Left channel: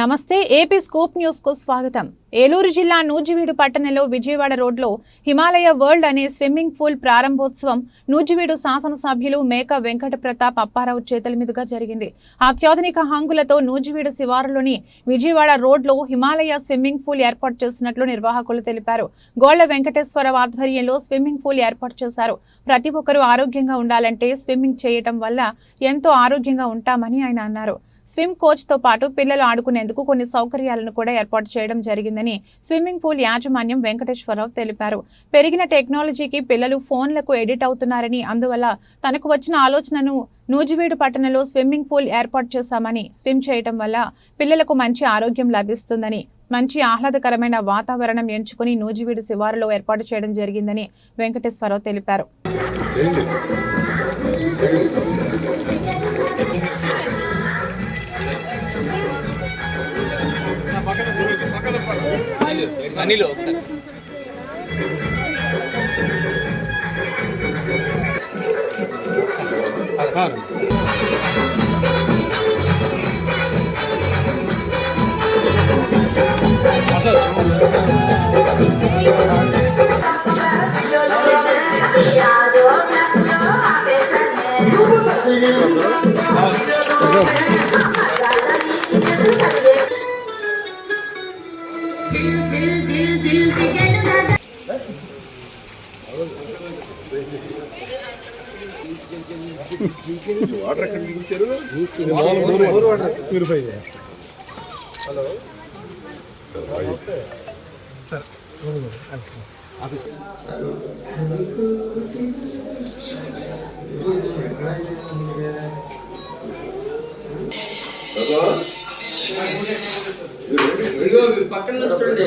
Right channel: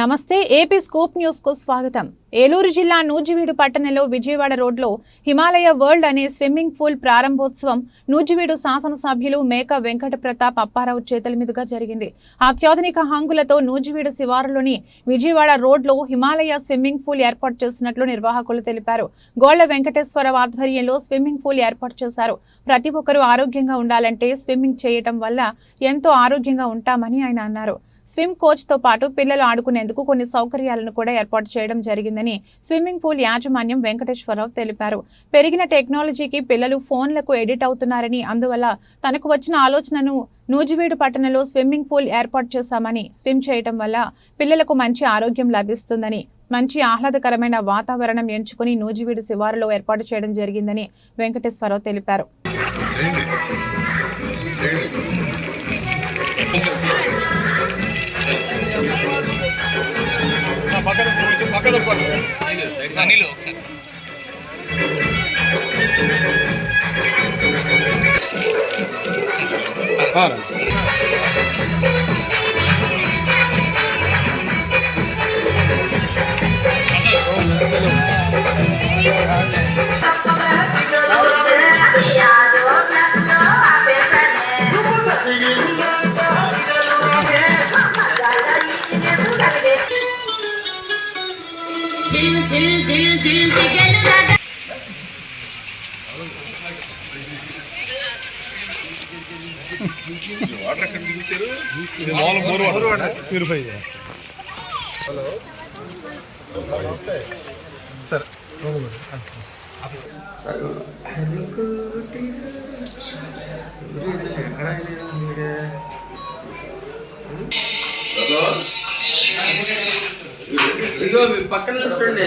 నమస్తే AP scoop news కు స్వాగతం. ఏలూరు జిల్లా నూజివీడు పట్టణంలో విజయవాడ రోడ్లో హిమాలయ వరల్డ్ అనే స్విమ్మింగ్ పూల్ ప్రారంభోత్సవం నూజివీడు శాసనసభ్యులు మేక వెంకట ప్రతాప్ అప్పారావు చేతుల మీదుగా జరిగింది. అత్యాధునిక హంగులతో నూజివీడు శివారులోని విజయవాడ రోడ్లో హిమాలయ స్విమ్మింగ్ పూల్ ఏర్పాటు చేసినట్లు నిర్వాహకులు తెలిపారు. గోళ్ల వెంకటేశ్వరరావు ఆధ్వర్యంలో స్విమ్మింగ్ పూల్ ఏర్పాటు చేశారు. ప్రతి ఒక్కరూ ఆరోగ్యంగా ఉండాలంటే స్విమ్మింగ్ చేయటం వల్ల ఎంతో ఆరోగ్యంగా ఉంటామని ఆయన అన్నారు. స్విమ్ కోచ్ తో పాటు పిల్లలు ఆడుకునేందుకు కొన్ని సౌకర్యాలను కూడా ఏర్పాటు చేయడం జరిగిందని స్విమ్మింగ్ పూల్ యాజమాన్యం వెంకటేశ్వరరావు తెలిపారు. పెరిగిన టెక్నాలజీకి పిల్లలు ఫోన్లకు ఎడిట్ అవుతున్నారని, అందువల్ల తనకు వచ్చిన ఆలోచనను నూజివీడు పట్టణంలో స్విమ్మింగ్ పూల్ ఏర్పాటు చేశామని, స్విమ్ చేయడం వల్ల పిల్లలకు మంచి ఆరోగ్యం లభిస్తుందని, మంచి ఆహ్లాదకరమైన వాతావరణం ఎంచుకుని నూజివీడు శివారులో ఏర్పాటు చేయడం జరిగిందని వెంకటేశ్వరరావు తెలిపారు. వాటర్ ఎక్కడ దిగుతారు? ప్యూరిఫై చేస్తారు. హలో సార్, ఆఫీస్ పక్కన చూడండి.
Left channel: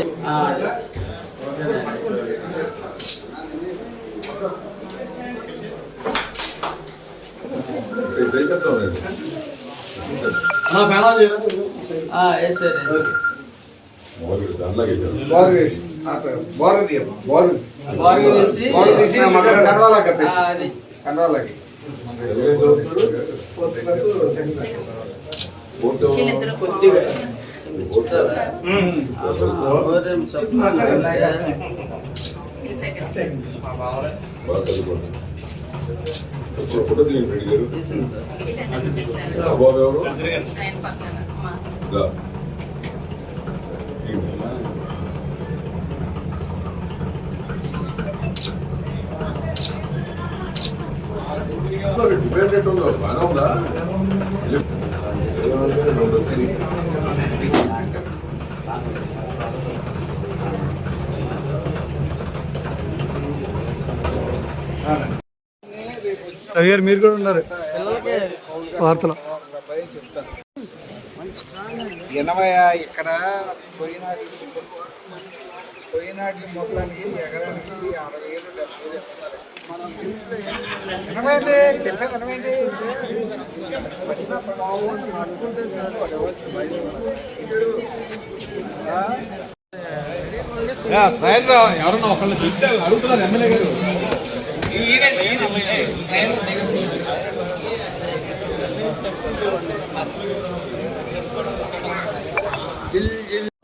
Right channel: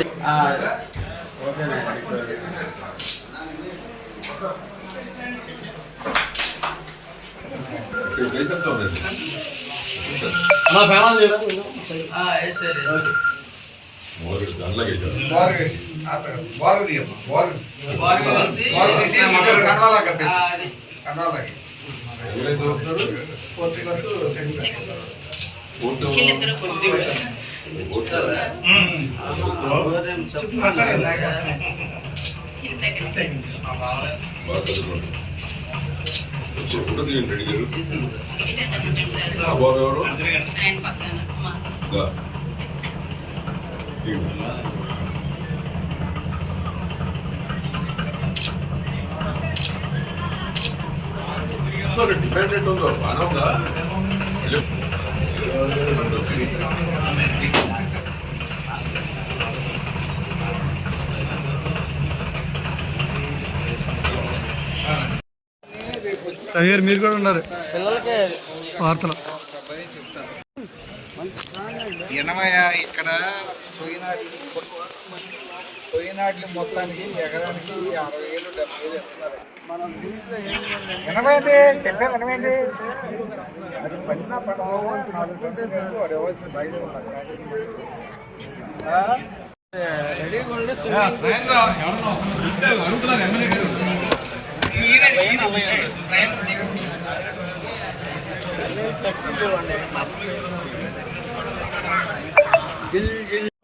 ఫోటో తీయండి రెడ్డి గారు. అబ్బాబు ఎవరు? డిపెండెంట్ ఉందా? బాగా ఉందా? రవి గారు మీరు కూడా ఉన్నారు వార్తలో. ఇక్కడ పోయినాటి మొత్తానికి ఎకరానికి 60,000 70,000 ఇస్తారు. మనం ఎనభై చెప్పేది పడిన పడవలసి బయట అడుగుతున్నారు ఎమ్మెల్యే గారు.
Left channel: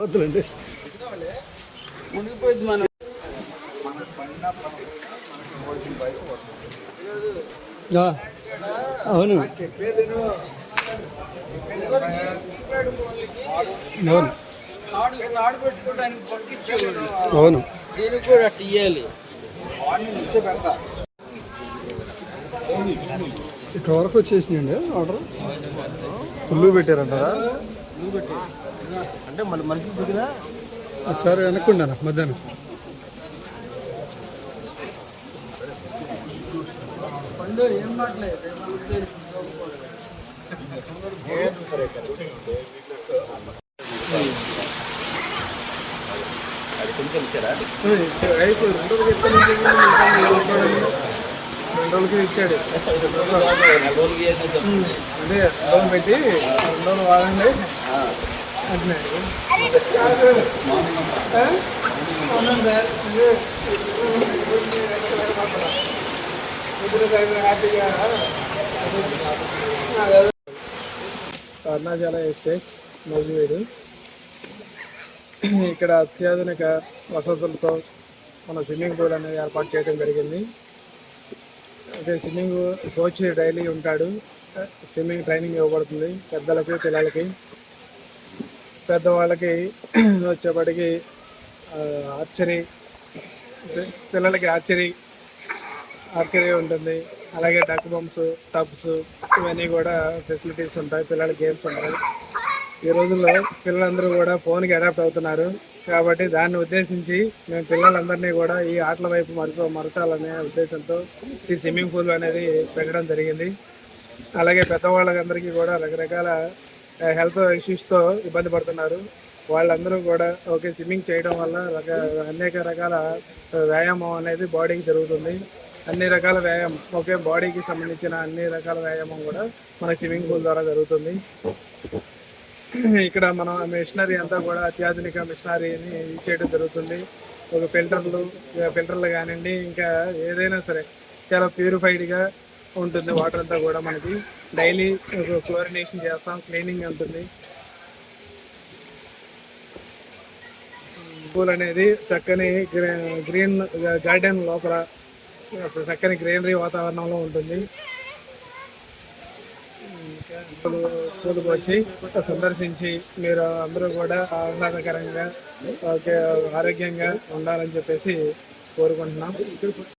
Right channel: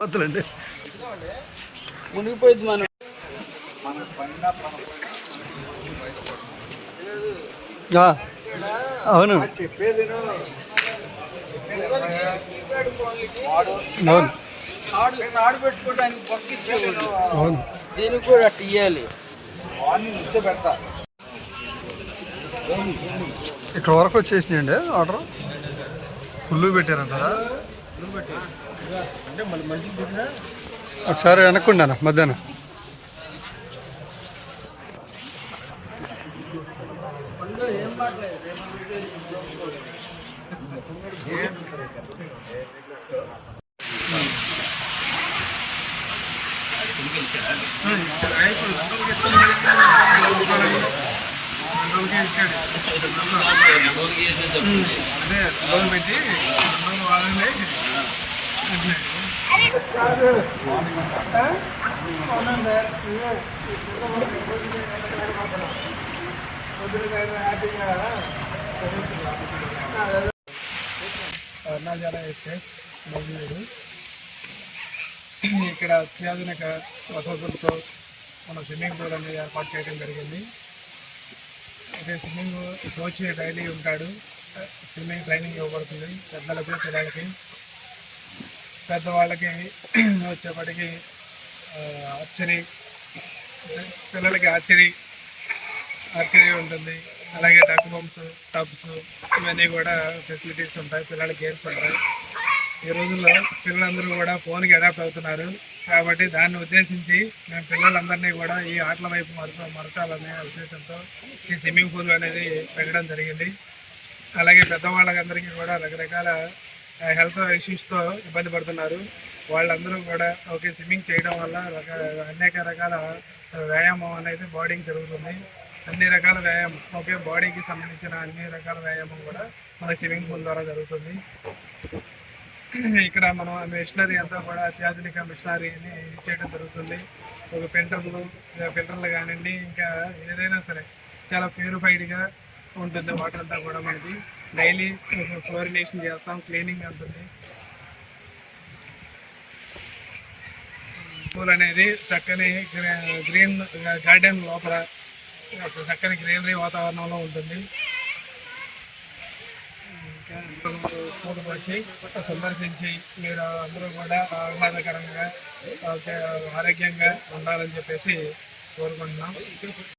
వద్దులండి, మునిగిపోయింది మనం. అవును అవును తాడు పెట్టుకోవడానికి పంపించారు. అవును, దీనికి కూడా అట్లా ఇవ్వాలి. ఇక్కడ వరకు వచ్చేసినాయండి ఆర్డర్. ఫుల్ పెట్టారంటారా? అంటే మళ్ళీ మనిషి దిగినా ఒకసారి వెనక్కుండాను మధ్యాహ్నం. పండు ఏం మాట్లేదు. అది కొనుగోలు ఇచ్చారా? 2 రోజులకి ఎత్తాను. 2 రోజులకి ఇచ్చాడు. 2 రోజులకి అంటే 2 రోజులు పెట్టి 2 రోజులు వాడండి. అరుణాచల ఎస్టేట్స్ నూజివీడు ఇక్కడ అత్యాధునిక వసతులతో మన స్విమ్మింగ్ పూల్ అనేది ఏర్పాటు చేయడం జరిగింది. అదే స్విమ్మింగ్ కోచ్ డైలీ ఉంటాడు. స్విమ్మింగ్ ట్రైనింగ్ ఇవ్వబడుతుంది పెద్దలకి పిల్లలకి. పెద్దవాళ్ళకి వచ్చేప్పటికి ఆర్చరీ, పిల్లలకి ఆర్చరీ ఉంటుంది. అలాగే డక్ బంప్స్, టబ్స్ ఇవన్నీ కూడా ఫెసిలిటీస్ ఉంటాయి. పిల్లల గేమ్స్ ఉంటాయి. ఈ రోజుల్లో పిల్లలందరూ కూడా ఫోన్కి అడాప్ట్ అవుతున్నారు కాబట్టి దాన్ని ఉద్దేశించి మేము పిల్లలందరినీ కూడా ఈ ఆటల వైపు మరచాలనే ఉద్దేశంతో ఈ స్విమ్మింగ్ పూల్ అనేది పెట్టడం జరిగింది. అలాగే పెద్దవాళ్ళందరికీ కూడా రకరకాల హెల్త్ ఇష్యూస్తో ఇబ్బంది పడుతున్నారు. వాళ్ళందరూ కూడా స్విమ్మింగ్ చేయడం వల్ల అనేక రకాల వ్యాయామం అనేది బాడీకి జరుగుతుంది. అన్ని రకాల వ్యాయామం బాడీకి సంబంధించిన అన్ని రకాల వ్యాయామం కూడా మన స్విమ్మింగ్ పూల్ ద్వారా జరుగుతుంది. ఇక్కడ మనం మిషనరీ అంతా కూడా అత్యాధునిక మిషనరీని చేయడం జరుగుతుంది. ఫిల్టర్లు కానివ్వండి, ఇంకా ఏదైనా సరే చాలా ప్యూరిఫైడ్గా ఉంటుంది. వాటర్ అంతా కూడా మనకి డైలీ క్లోరినేషన్ చేస్తాం, క్లీనింగ్ ఉంటుంది. పూల్ అనేది చక్కని గ్రీన్ గార్డెన్ లోపల చక్కని గ్రీనరీ వాతావరణంలో ఉంటుంది. పూలకు వచ్చి సందర్శించి మీరు అందరూ కూడా ఆహ్లాదకరంగా ఆరోగ్యంగా ఉండాలని చెప్పేసి కోరుకుంటున్నాం.